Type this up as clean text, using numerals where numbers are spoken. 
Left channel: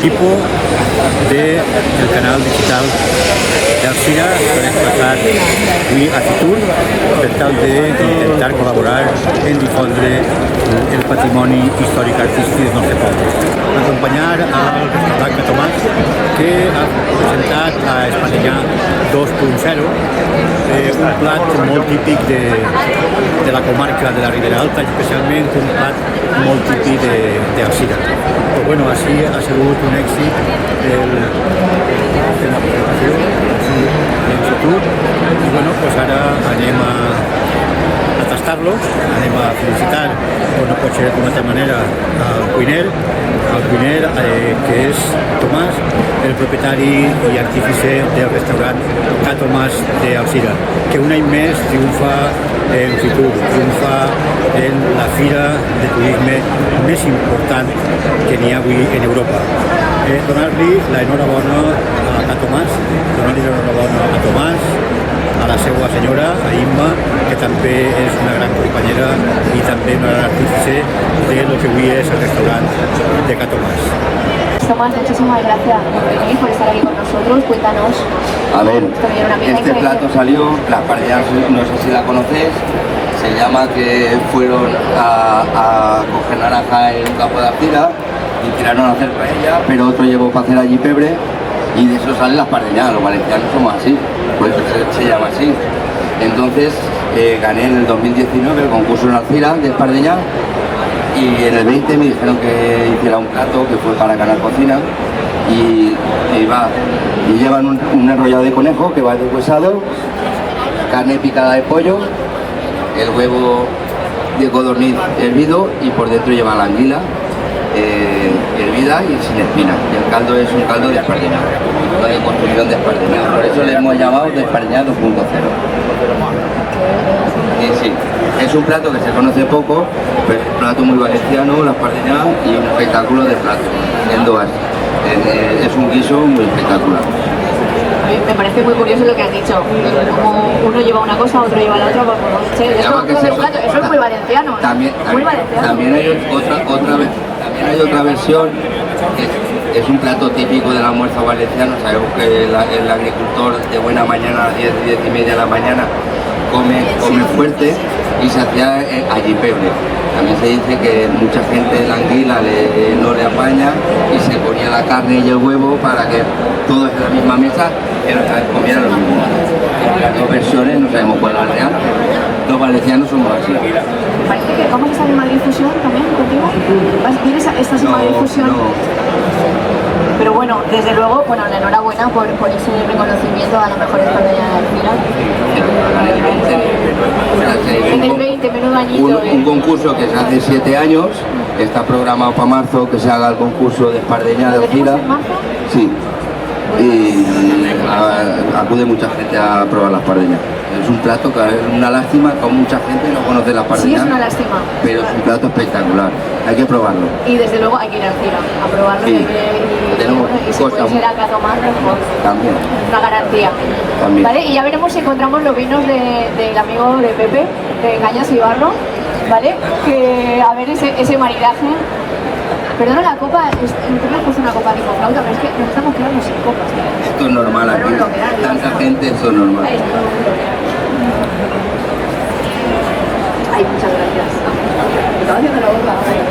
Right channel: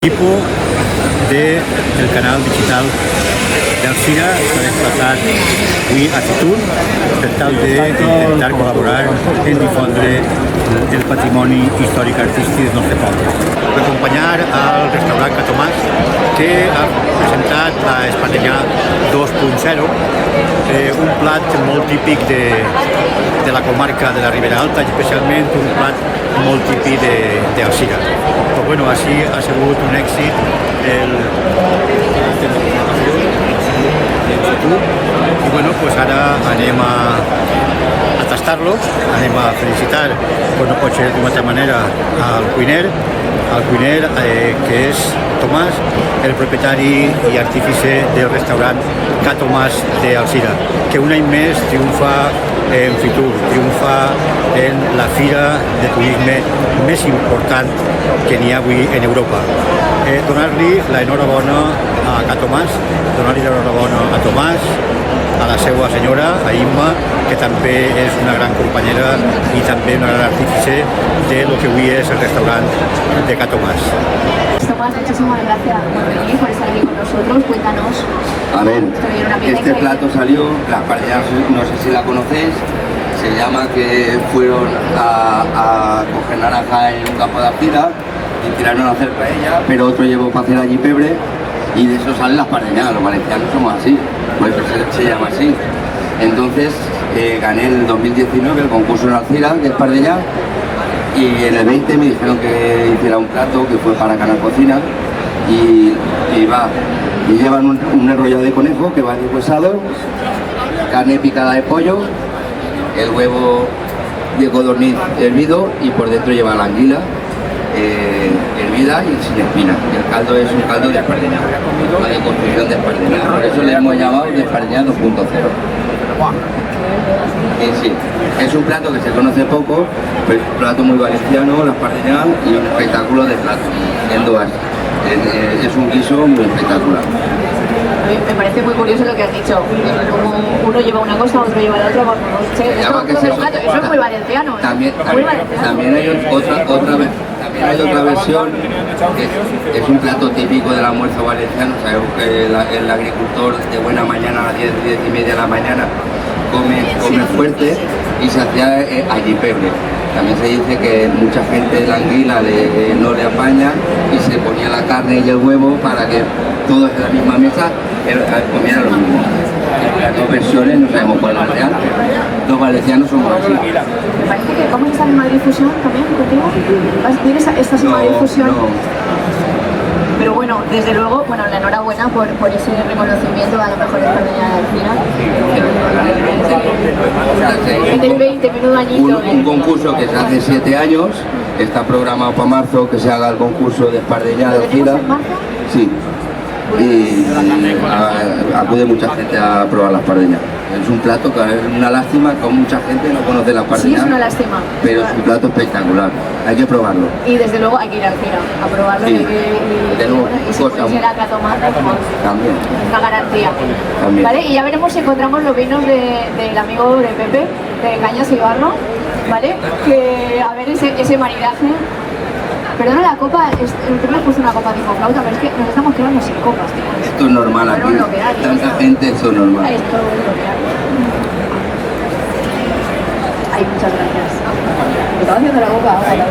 Equipo del canal digital d'Alzira s'ha desplaçat avui a Fitur per tal d'intentar col·laborar en difondre el patrimoni històric artístic del nostre poble. Acompanyar al restaurant Ca Tomàs, que ha presentat a Espadellà 2.0, un plat molt típic de la comarca de la Ribera Alta, especialment un plat molt típic d'Alzira. Però bueno, així ha sigut un èxit i bueno, pues ara anem a tastar-lo, anem a felicitar, com no pot ser d'una altra manera, al cuiner que és Tomàs, el propietari i artífice del restaurant Ca Tomàs d'Alzira, que un any més triomfa en Fitur, triomfa en la fira de turisme més important que n'hi ha avui en Europa. Donar-li l'enhorabona a Ca Tomàs, donar-li l'enhorabona a Tomàs, a la seva senyora, a Imma, que també és una gran companyera i també una gran artífice de lo que avui és el restaurant de Ca Tomàs. Tomás, muchísimas gracias por estar aquí con nosotros. Cuéntanos. A ver, este plato salió, las parejas, no sé si la conocéis, se llama que fueron a coger naranja en un campo de Alzira y tiraron a hacer paella, pero otro llevó para hacer allí pebre y de eso salen las parejas. Los valencianos somos así, por eso se llama así. Entonces gané en el 2019 el concurso en Alzira de Espadellà y en el 20 me dijeron que hiciera un plato que fue para Canal Cocina y llevan un enrollado de conejo que va deshuesado, carne picada de pollo, el huevo de codorniz hervido y por dentro lleva la anguila hervida y sin espina. Y el caldo es un caldo de Espadellà, una deconstrucción de Espadellà. Por eso le hemos llamado de Espadellà 2.0. Sí, es un plato que se conoce poco, pues un plato muy valenciano, la Espadellà y un espectáculo de plato, en dos. Es un guiso muy espectacular. Me parece muy curioso lo que has dicho, como uno lleva una cosa, otro lleva la otra, eso es muy valenciano. También hay otra versión, que es un plato típico del almuerzo valenciano. Sabemos que el agricultor de buena mañana, a las 10 y media de la mañana, come fuerte y se hacía allí pebre. También se dice que mucha gente la anguila no le apaña y se ponía la carne y el huevo para que todos en la misma mesa comieran lo mismo. Las dos versiones no sabemos cuál es la real. Los valencianos somos así. Parece que vamos a estar en Madrid Fusión también contigo. ¿Vienes a esta Madrid Fusión? No. Pero bueno, desde luego, la enhorabuena por ese reconocimiento a la mejor Espadellà al final. En el 20, menudo añito. Un concurso que se hace 7 años, está programado para marzo que se haga el concurso de Espadellà de Alzira. Sí. Y acude mucha gente a probar la Espadellà. Es un plato que es una lástima que mucha gente no conoce la Espadellà. Sí, es una lástima. Pero es un plato espectacular, hay que probarlo. Y desde luego hay que ir a Alzira a probarlo. Sí. Y si será Ca Tomàs, también. Una garantía. También. ¿Vale? Y ya veremos si encontramos los vinos del amigo de Pepe, de Cañas y Barro, ¿vale? Que a ver ese maridaje. Perdona, la copa, me has puesto una copa tipo flauta, pero es que nos estamos quedando sin copas, tío. Esto es normal aquí, tanta gente, eso es normal. Ay, muchas gracias. Me estaba haciendo la boca agua.